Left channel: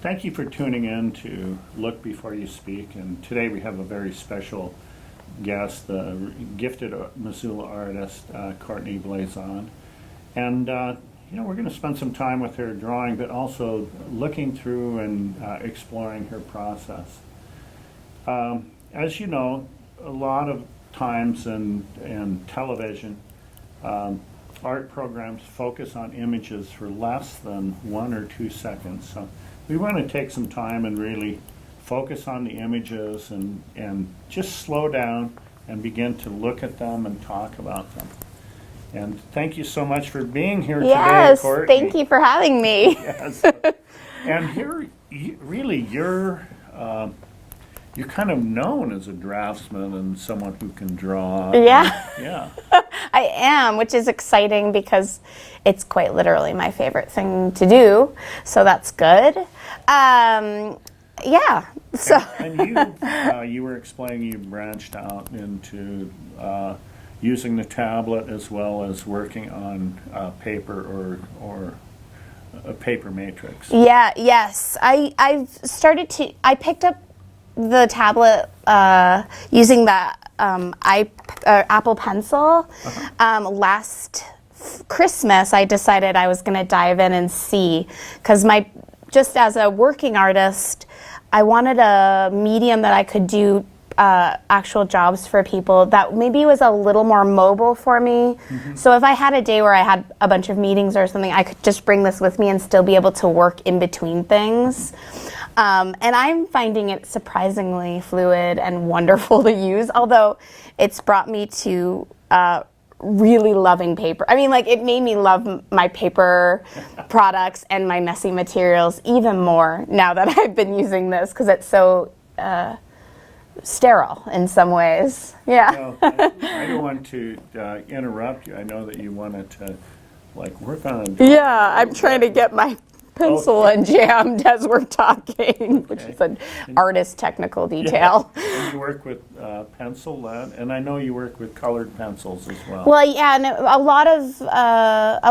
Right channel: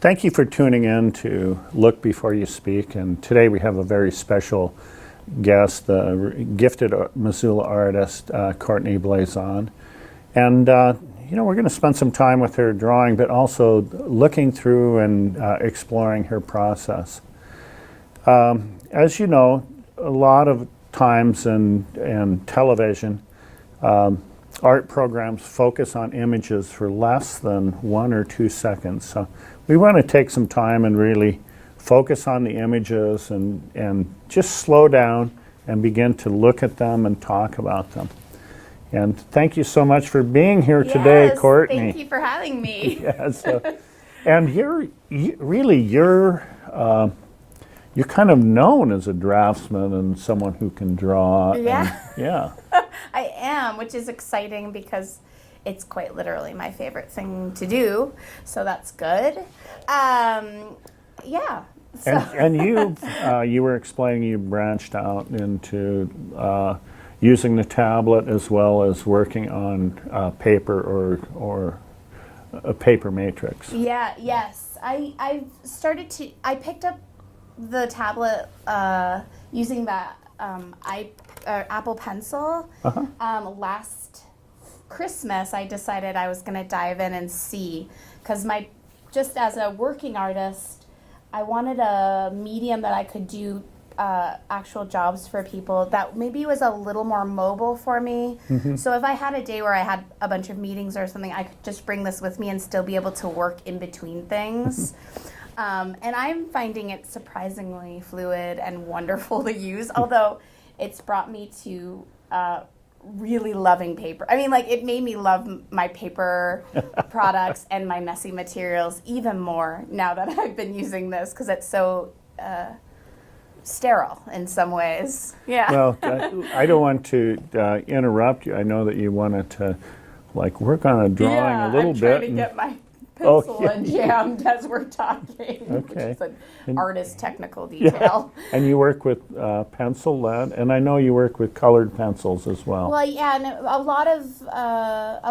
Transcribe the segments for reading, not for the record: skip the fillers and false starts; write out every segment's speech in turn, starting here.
Thank you for tuning in to Look Before You Speak. And today we have a very special guest, the gifted Missoula artist, Courtney Blazon. And, we're going to spend some time with her drawing, but also looking through and exploring her process. As you know, a lot of times in television, art programs focus on images for less than 1 or 2 seconds. So we want to take some time and really focus on the images and just slow down and begin to look at them and talk about them. And thank you so much for being here today, Courtney. Thank you for having me. Yes, and you're kind of known as a draftsman and someone who can draw. Yeah. Yeah. I am, which is exciting because it's quite literally my favorite thing to do. So that's good. Yeah. So. And you were explaining you branched out into using the tablet as well as working on paper or a paper matrix. Yeah. Yes. I picked up the tablet using the Apple Pencil. Last Christmas, I decided I was going to dive in and see, because just as a working artist, I wanted a medium that I could do actual jobs for people that maybe was a little more mobile for me. Mm-hmm. So if I had a day where I had a bunch of meetings or something, I could just bring this with me and still be able to work in between things. And I'm finding it surprisingly fluid and wonderful to use, although it's brought me to really loving paper. I mean, it made me love my paper products and my messy materials even more now that I've been using this, because it's so sterile in some ways. Yeah. Well, I don't want to interrupt you. I know that you wanted to work on a drawing. Yeah, I'm trying to get my pencil and jammed as we're talking, which is an artist technical detail. Yeah. And you work with pencil lead, and I know you work with colored pencils as well. Well, yeah, and a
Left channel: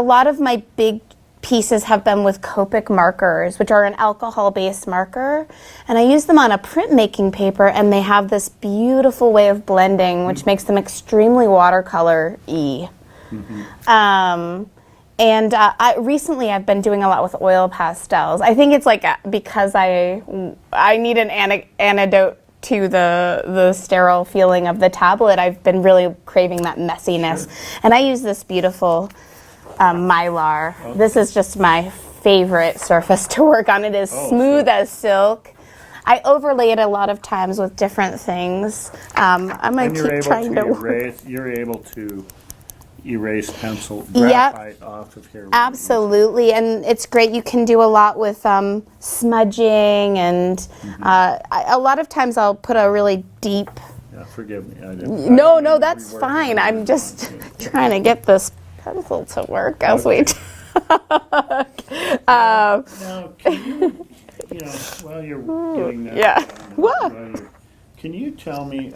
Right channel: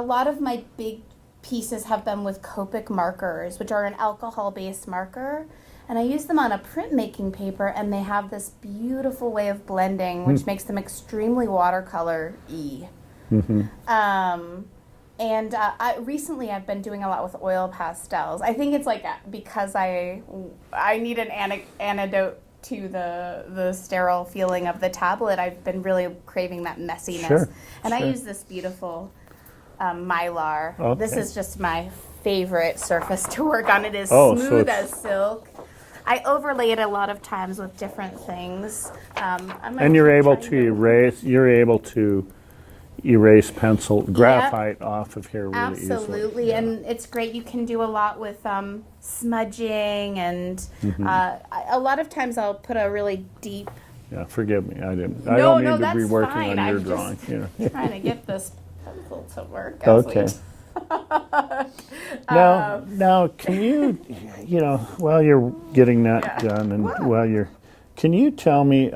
lot of my big pieces have been with Copic markers, which are an alcohol-based marker, and I use them on a printmaking paper, and they have this beautiful way of blending, which makes them extremely watercolor-y. Mm-hmm. And recently I've been doing a lot with oil pastels. I think it's because I need an antidote to the sterile feeling of the tablet. I've been really craving that messiness. Sure. And I use this beautiful Mylar. Okay. This is just my favorite surface to work on. It is smooth as silk. I overlay it a lot of times with different things. And you're able to erase pencil graphite off of here. Really absolutely, easily. And it's great. You can do a lot with smudging, and a lot of times I'll put a really deep. Yeah, forgive me. I didn't. No, that's fine. I'm just trying to get this pencil to work as we. Now, can you, while you're getting that done, and can you tell me?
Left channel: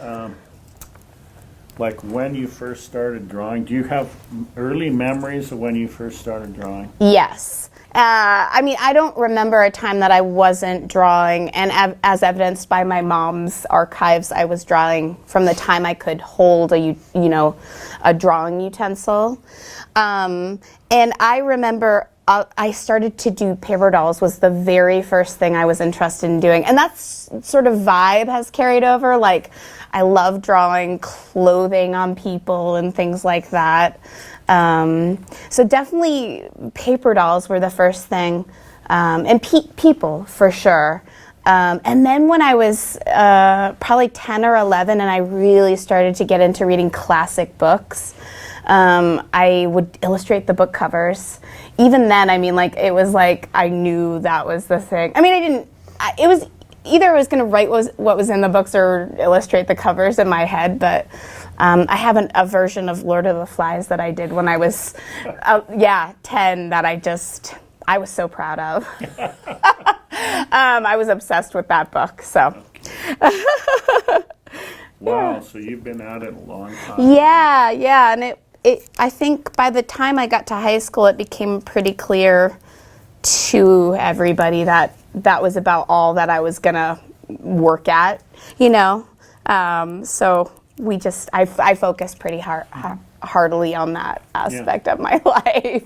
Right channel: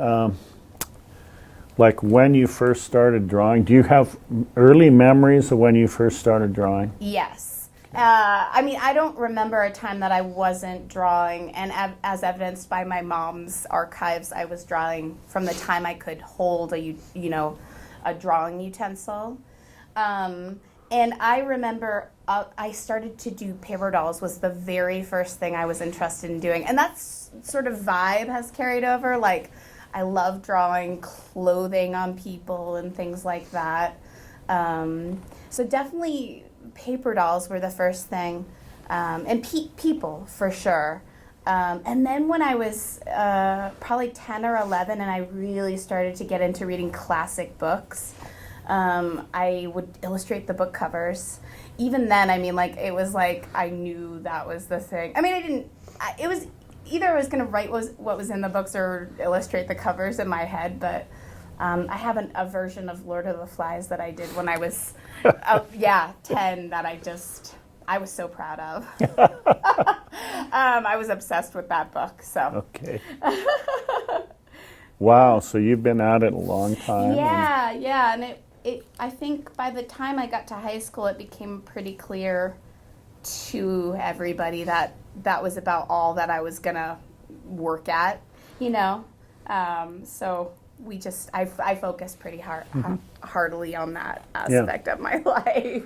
When you first started drawing, do you have early memories of when you first started drawing? Yes. I don't remember a time that I wasn't drawing, and as evidenced by my mom's archives, I was drawing from the time I could hold a drawing utensil. And I remember I started to do paper dolls was the very first thing I was interested in doing, and that's sort of vibe has carried over. I love drawing clothing on people and things like that. So definitely paper dolls were the first thing, and people for sure. And then when I was probably 10 or 11 and I really started to get into reading classic books, I would illustrate the book covers. Even then, it was I knew that was the thing. It was either I was going to write what was in the books or illustrate the covers in my head, but I have a version of Lord of the Flies that I did when I was 10 that I was so proud of. I was obsessed with that book. So. Okay. Wow, so you've been at it a long time. Yeah, and I think by the time I got to high school, it became pretty clear to everybody that that was about all that I was gonna work at, you know. So I focused pretty heartily on that aspect of my life.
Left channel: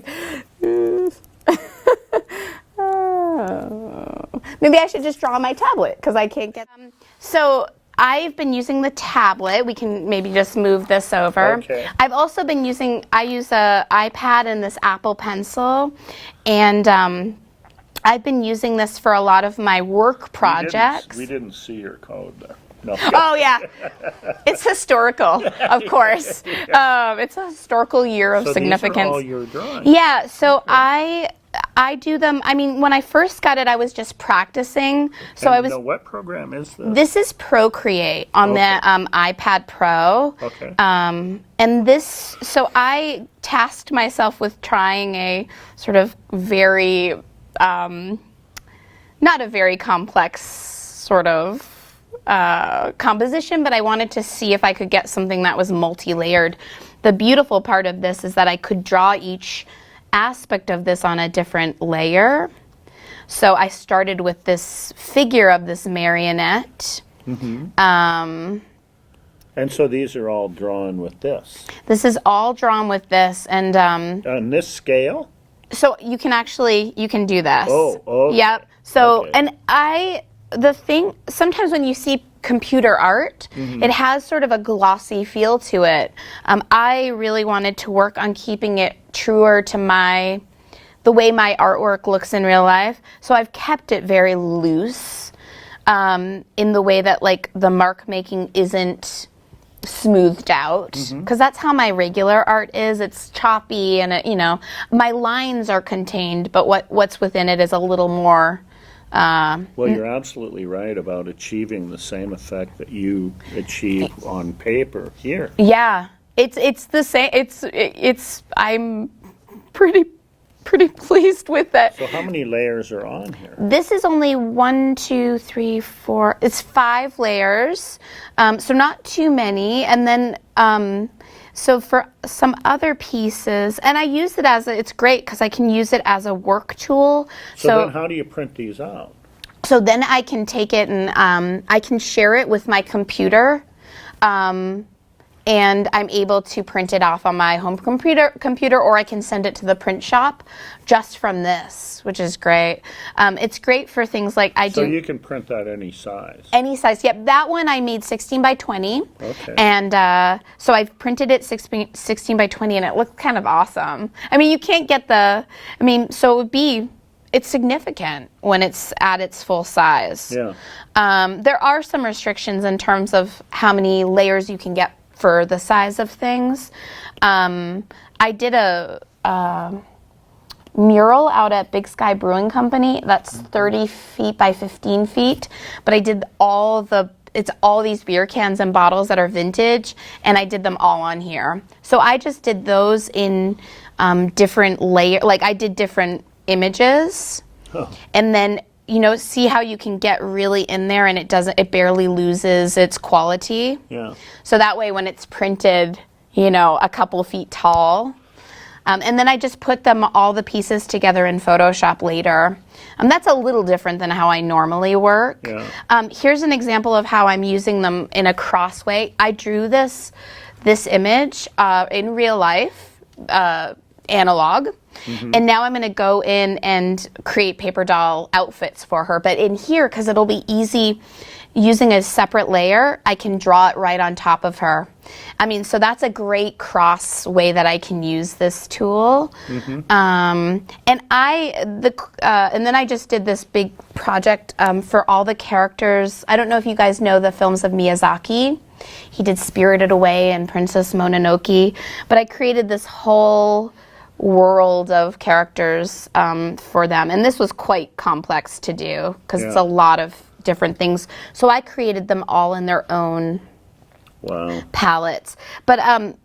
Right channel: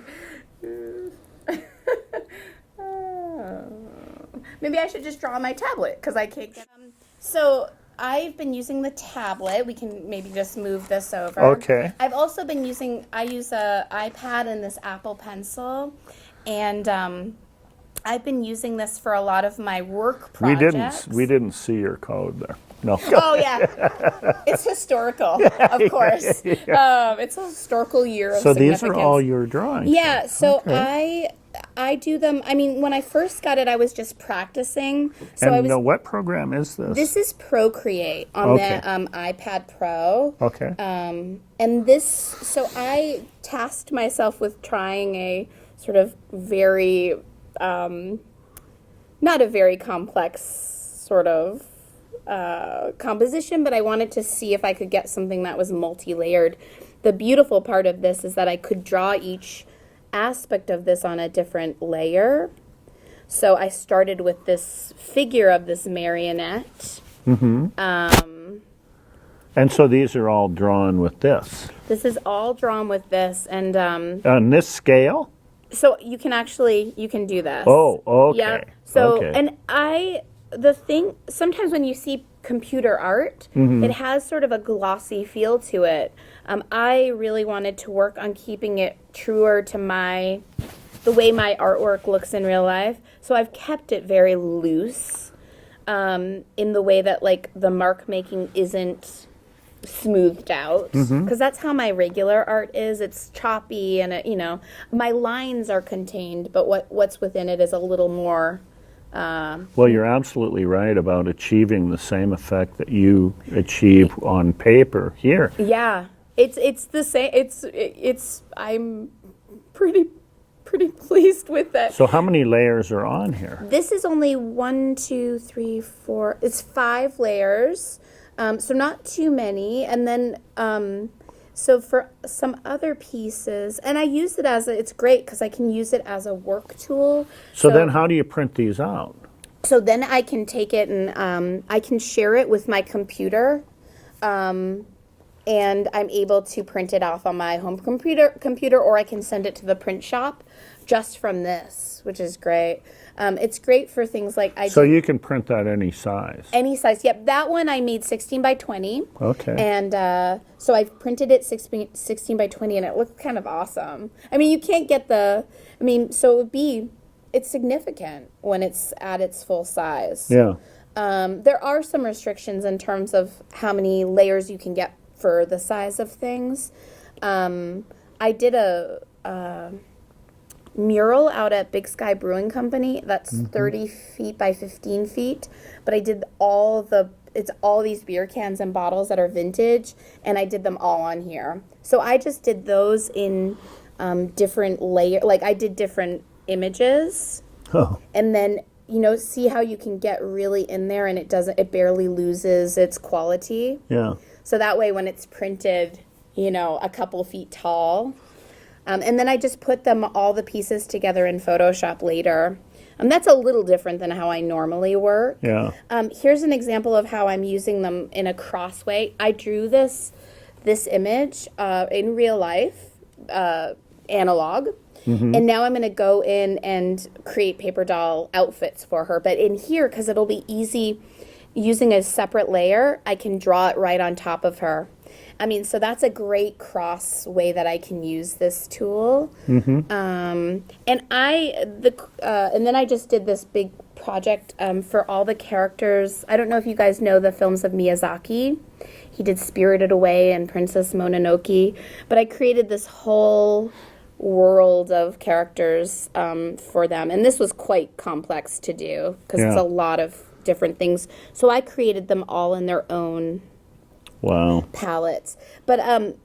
Maybe I should just draw on my tablet because I can't get them. So I've been using the tablet. We can maybe just move this over. Okay. I've also been I use a iPad and this Apple Pencil, and I've been using this for a lot of my work projects. We didn't see your code there. No. Oh yeah, it's historical, of course. It's a historical year of significance. So these are all your drawings? Yeah. So okay. I do them. I mean, when I first got it, I was just practicing. So what program is this? This is Procreate on the iPad Pro. Okay. So I tasked myself with trying a sort of very, not a very complex sort of composition, but I wanted to see if I could get something that was multi-layered. The beautiful part of this is that I could draw each aspect of this on a different layer. So I started with this figure of this marionette. Mm-hmm. And so these are all drawn with this? This is all drawn with this. And on this scale? So you can do this. Oh, okay. Yeah. So, okay. and sometimes when you see computer art, it has sort of a glossy feel to it. I really wanted to work on keeping it truer to the way my artwork looks in real life. So I've kept it very loose in the way that like the mark making isn't smoothed out, because that's how my regular art is. It's choppy and my lines are contained, but what's within it is a little more. Well, you're absolutely right about achieving the same effect that you achieve on paper here. Yeah, it's the same. I'm pretty pleased with that. So how many layers are on here? This is only 1, 2, 3, 4. It's 5 layers, so not too many. And then. So for some other pieces, and I use it it's great because I can use it as a work tool. So then how do you print these out? So then I can take it and I can share it with my computer, and I'm able to print it off on my home computer, or I can send it to the print shop just from this, which is great. It's great for things like So you can print that any size? Any size, yep. That one I made 16 by 20. Okay. And so I've printed it 16 by 20, and it looked kind of awesome. I mean, you can't get so it's significant when it's at its full size. Yeah. There are some restrictions in terms of how many layers you can get for the size of things. I did a mural out at Big Sky Brewing Company that's 30 feet by 15 feet, but I did all these beer cans and bottles that are vintage, and I did them all on here. So I just did those in different layers, like I did different images, and then see how you can get really in there and it barely loses its quality. Yeah. So that way when it's printed, a couple feet tall, and then I just put all the pieces together in Photoshop later. That's a little different than how I normally work. Yeah. Here's an example of how I'm using them in a cross way. I drew this image in real life, analog. And now I'm going to go in and create paper doll outfits for her. But in here, because it'll be easy using a separate layer, I can draw it right on top of her. I mean, so that's a great cross way that I can use this tool. And then I just did this big project for all the characters. I don't know if you guys know the films of Miyazaki. He did Spirited Away and Princess Mononoke. But I created this whole world of characters for them, and this was quite complex to do because it's a lot of different things. So I created them all in their own palettes. But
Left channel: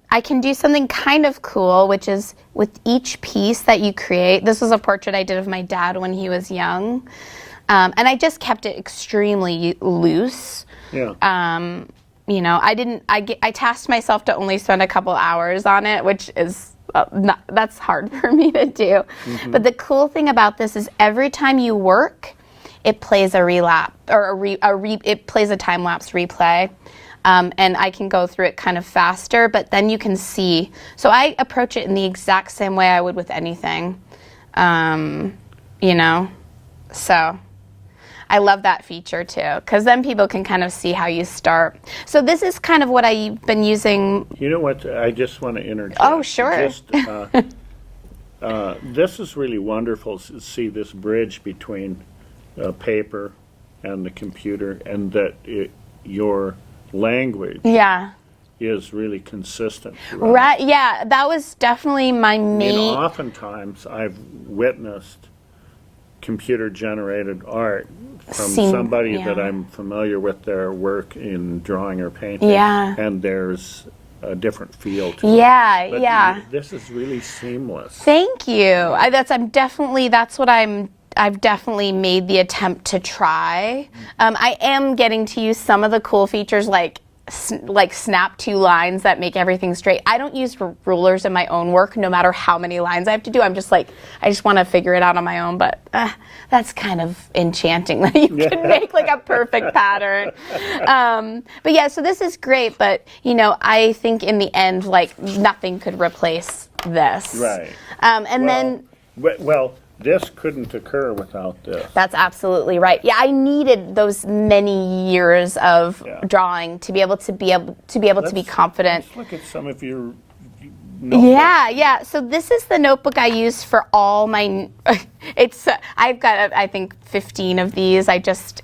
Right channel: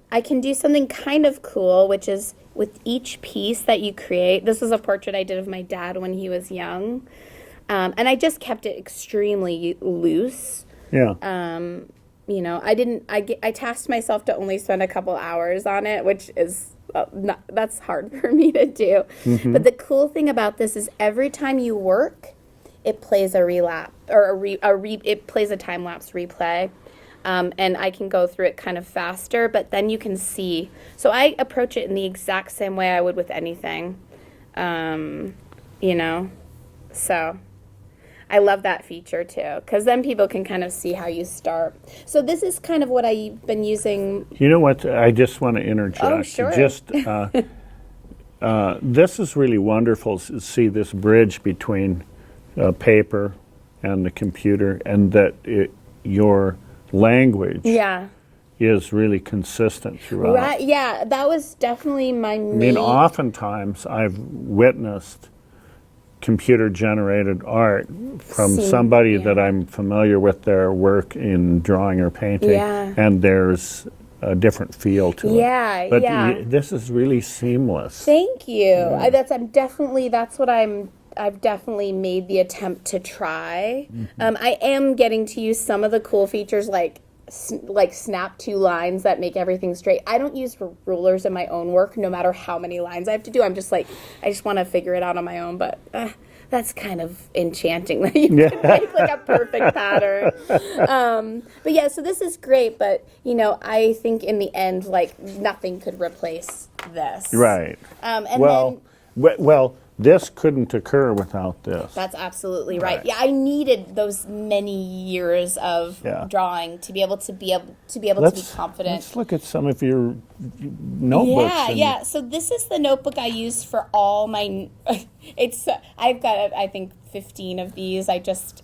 I can do something kind of cool, which is with each piece that you create. This was a portrait I did of my dad when he was young, and I just kept it extremely loose. Yeah. I tasked myself to only spend a couple hours on it, which is that's hard for me to do. But the cool thing about this is every time you work, it plays a relapse or it plays a time lapse replay. And I can go through it kind of faster, but then you can see. So I approach it in the exact same way I would with anything, you know. So I love that feature too, because then people can kind of see how you start. So this is kind of what I've been using. You know what? I just want to interject. Oh, sure. Just, this is really wonderful to see this bridge between paper and the computer, and that your language is really consistent throughout. Right, yeah, that was definitely my main... I mean, oftentimes I've witnessed computer-generated art from somebody that I'm familiar with their work in drawing or painting, and there's a different feel to it. But this is really seamless. Thank you. I've definitely made the attempt to try. I am getting to use some of the cool features like snap 2 lines that make everything straight. I don't use rulers in my own work, no matter how many lines I have to do. I'm just like, I just want to figure it out on my own, but that's kind of enchanting that you can make like a perfect pattern. But yeah, so this is great, but you know, I think in the end, like nothing could replace this. Right. Well, this couldn't occur without this. That's absolutely right. Yeah, I needed those many years of drawing to be able to be confident. Let's look at some of your notebooks. Yeah. So this is the notebook I use for all my. I've got I think 15 of these. I just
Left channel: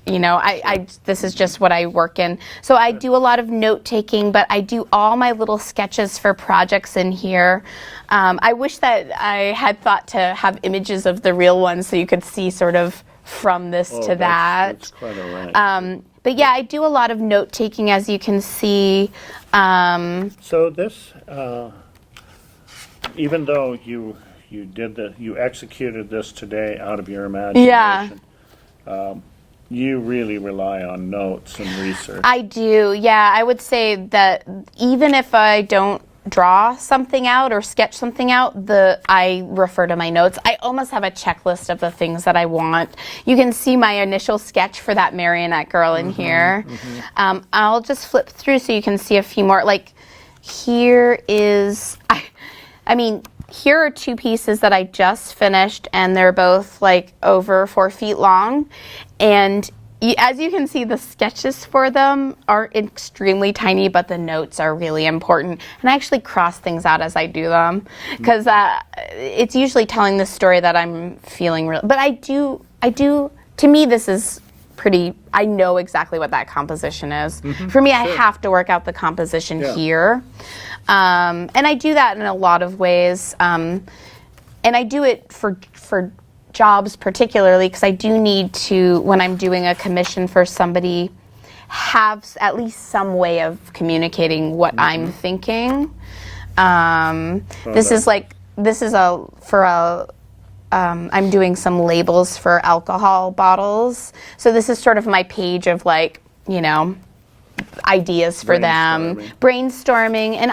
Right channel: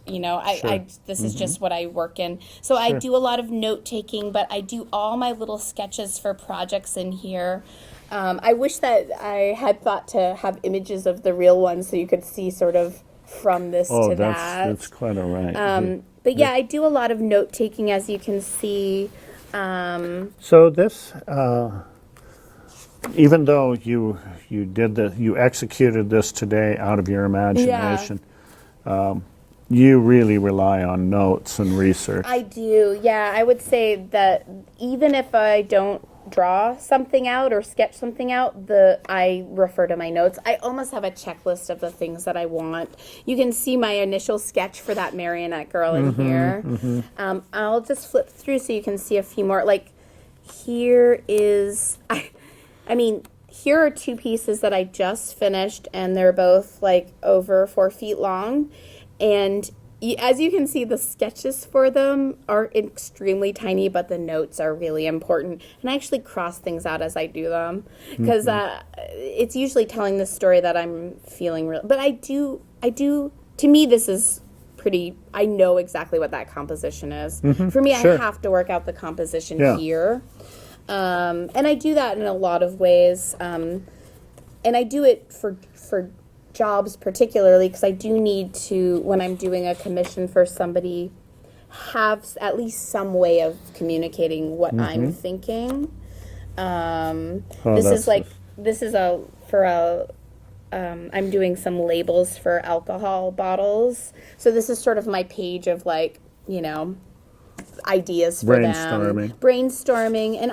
this is just what I work in. So I do a lot of note taking, but I do all my little sketches for projects in here. I wish that I had thought to have images of the real ones so you could see sort of from this to that. That's quite all right. But yeah, I do a lot of note taking, as you can see. So this, even though you executed this today out of your imagination, you really rely on notes and research. I do, yeah. I would say that even if I don't draw something out or sketch something out, I refer to my notes. I almost have a checklist of the things that I want. You can see my initial sketch for that marionette girl in here. I'll just flip through so you can see a few more. Like here is, here are 2 pieces that I just finished, and they're both like over 4 feet long. And as you can see, the sketches for them are extremely tiny, but the notes are really important. And I actually cross things out as I do them, because it's usually telling the story that I'm feeling real. But I do, to me, this is pretty, I know exactly what that composition is. For me, I have to work out the composition here. And I do that in a lot of ways. And I do it for jobs particularly because I do need to, when I'm doing a commission for somebody, have at least some way of communicating what I'm thinking. I'm doing some labels for alcohol bottles. So this is sort of my page of like, you know, ideas for them. Brainstorming. And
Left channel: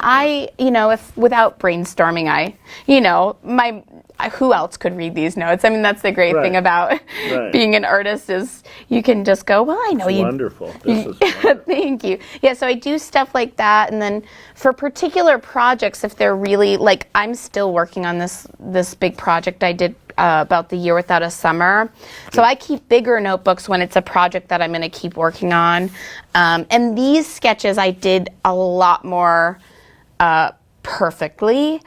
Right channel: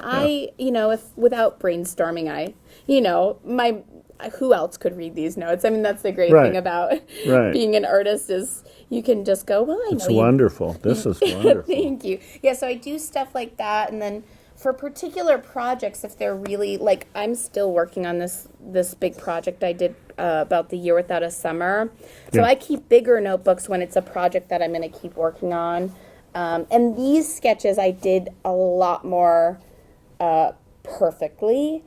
if without brainstorming, who else could read these notes? I mean, that's the great thing about being an artist is you can just go, well, I know you. Wonderful. This is wonderful. Thank you. Yeah, so I do stuff like that. And then for particular projects, if they're really, like, I'm still working on this big project I did about the Year Without a Summer. So I keep bigger notebooks when it's a project that I'm going to keep working on. And these sketches I did a lot more perfectly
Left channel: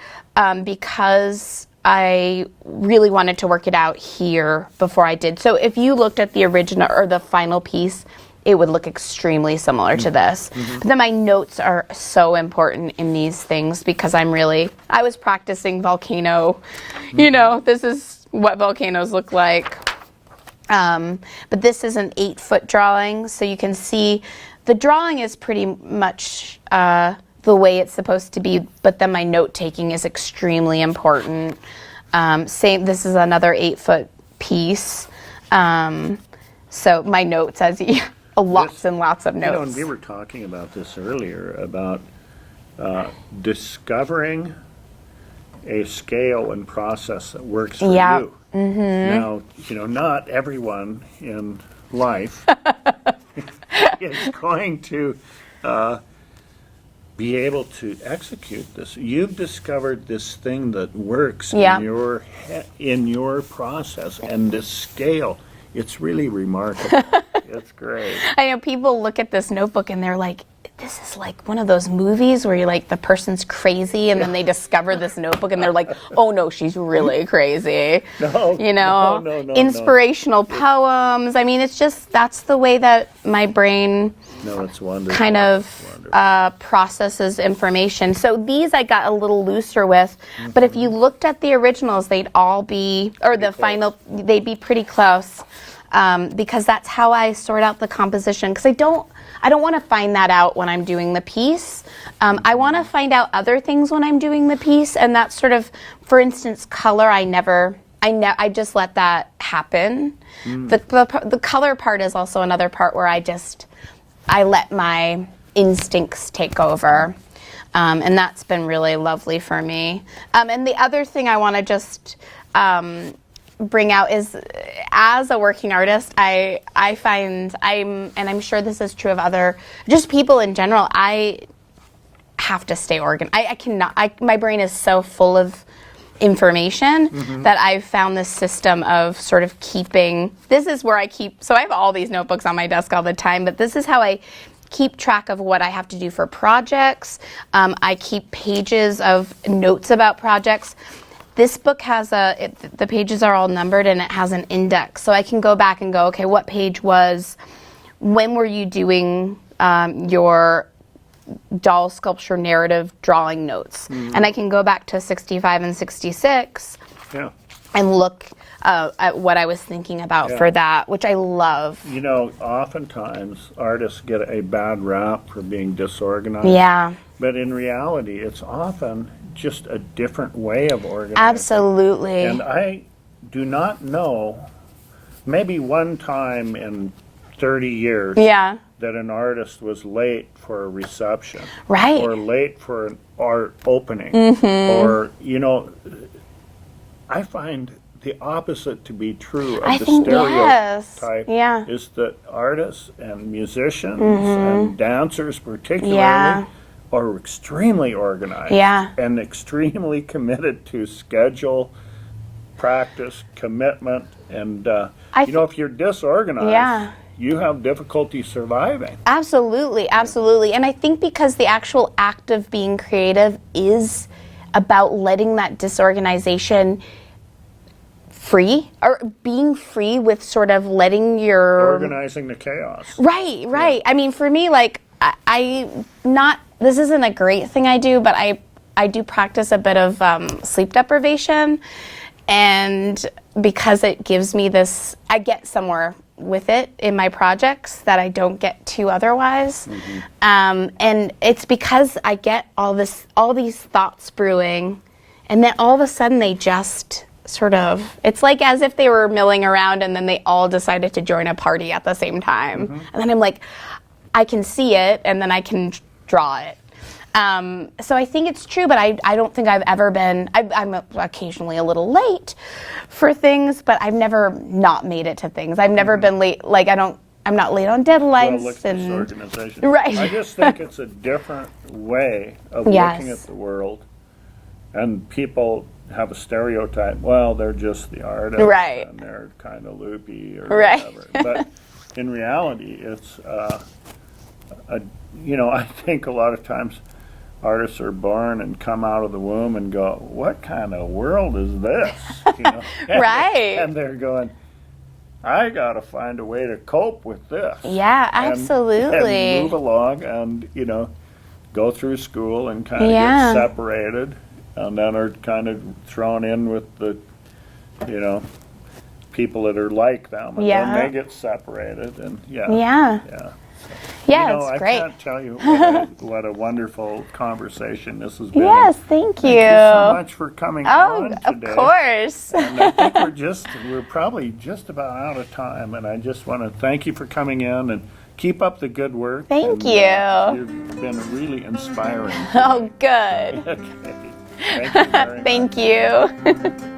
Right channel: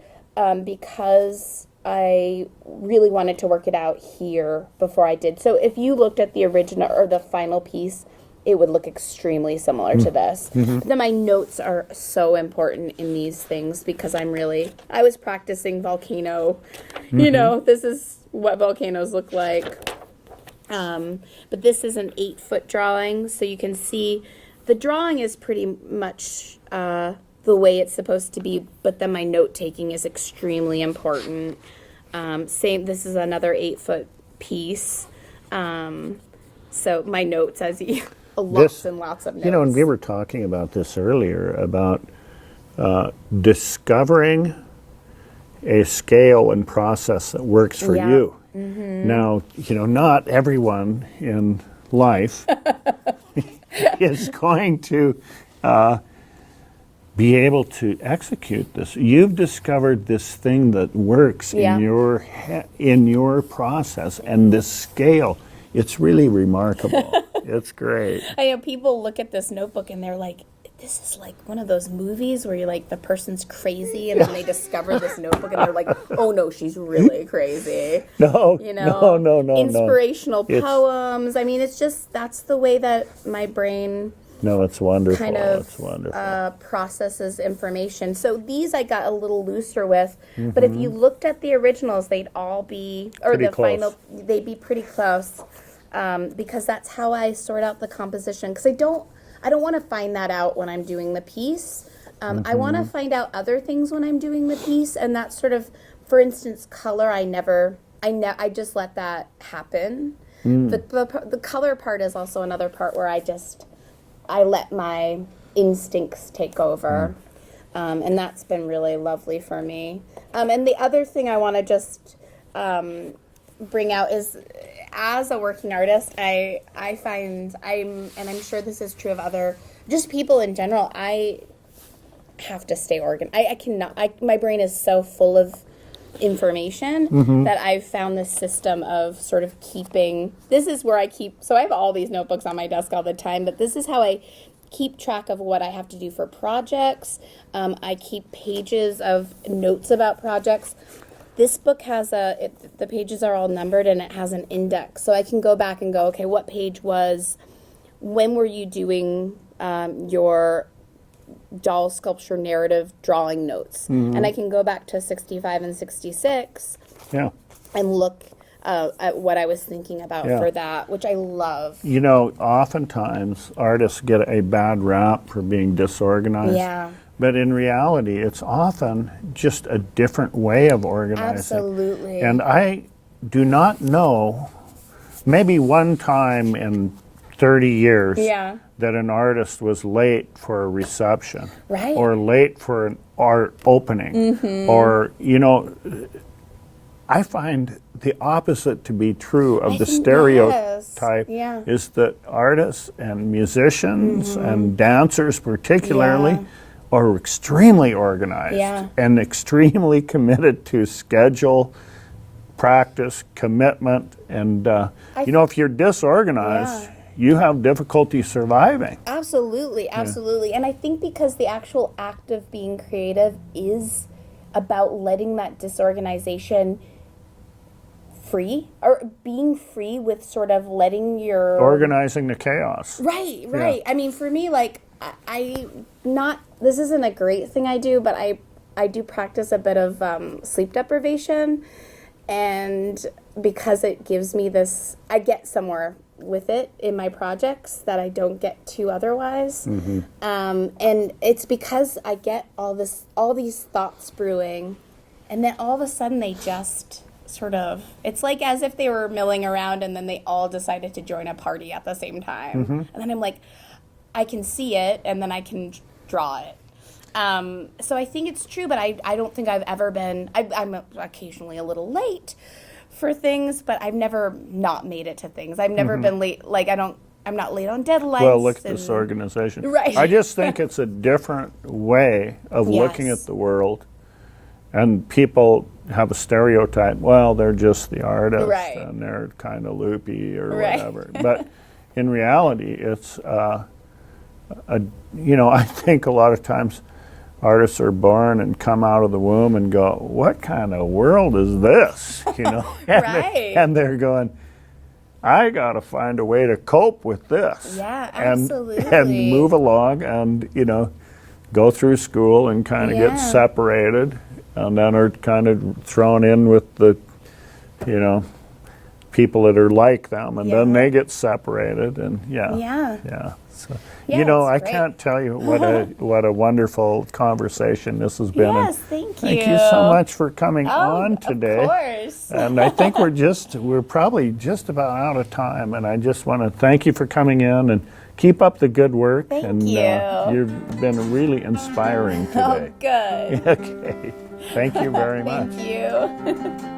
because I really wanted to work it out here before I did. So if you looked at the original or the final piece, it would look extremely similar to this. But then my notes are so important in these things because I was practicing volcano, this is what volcanoes look like. But this is an 8-foot drawing, so you can see the drawing is pretty much the way it's supposed to be, but then my note taking is extremely important. This is another 8-foot piece. So my notes, lots and lots of notes. You know, and we were talking about this earlier, about discovering a scale and process that works for you. Now, not everyone in life is going to be able to execute this. You've discovered this thing that works in your process, and this scale. It's really remarkable. It's great. I know people look at this notebook and they're like, this is like one of those movies where you're like, the person's crazy and then they discover this notebook and they're like, oh no, she's really crazy. No, no. Inspirational poems. I mean, it's just, that's the way that my brain it's wonderful. kind of processes information. So these I got a little looser with, but if you looked at the originals, they'd all be, or Pretty the close. final, they'd be pretty close. Because that's how I sort out the composition. Because I don't want to find that out when I'm doing the piece. I want to find out other things when I'm doing the piece, and that's sort of, for instance, color. I just let that happen. The color part is also another part where I let my instincts take over, and that's been really lovely for me. And the other thing I want to just bring out is, as a working artist, I find and I'm sure this is true of other, just people in general, I have to stay organized. I cannot, my brain is so full of information that I've found this system of sort of keeping, this is where I keep, so I have all these notebooks on my desk all the time, but this is how I keep track of what I have to do for projects. I keep pages of notes about projects. This book has the pages are all numbered and it has an index. So I can go back and go, okay, what page when were you doing your doll sculpture narrative drawing notes? And I can go back to 65 and 66 and look at what I was thinking about for that, which I love. Oftentimes artists get a bad rap for being disorganized. Yeah. But in reality, it's often just a different way of organizing. Absolutely. And I do not know, maybe one time in 30 years, that an artist was late for a reception. Right. Or late for an art opening. Or, I find the opposite to be true of the stereotype is that artists and musicians and dancers particularly are extremely organized and extremely committed to schedule, practice, commitment, and if you're disorganized, you have difficulty surviving. Absolutely. And I think because the actual act of being creative is about letting that disorganization free, or being free with sort of letting your... Organizing the chaos. Right. Yeah. I mean, for me, like, this isn't a great thing I do, but I do practice a bit of sleep deprivation, and because it gives me this, I get somewhere with it in my projects that I don't get to otherwise. And it's because I get all these thoughts brewing, and then all of a sudden they just sort of, it's like as if they were milling around and then they all decided to join a party at the same time. And then I'm like, I can see it, and then I can draw it. So I think it's true, but I don't think I've ever been, I'm occasionally a little late for things, but I've never not made it to things. I've never been late, like I'm not late on deadlines. Well, look at this organization. Right. I just think it's a different way of looking at the world, and people have a stereotype, well, they're just the artist, and they're kind of loopy or whatever. But in reality, it's, I think a lot of times artists are born and come out of the womb and go, what kind of world is this? And they're going, I got to find a way to cope with this. Yeah, absolutely. And move along and, go through school and kind of get separated, and then are kind of thrown in with the, people that are like them, and then they get separated, and So, I great. can't tell you what a wonderful conversation this has been. Yes, thank you. Thank you so much for coming on today. Of course. And I think we're probably just about out of time, and I just want to thank you for coming in and keep up the good work. Thank you. You've been really inspiring today. Oh, good. Okay. Thank you very much. Thank you.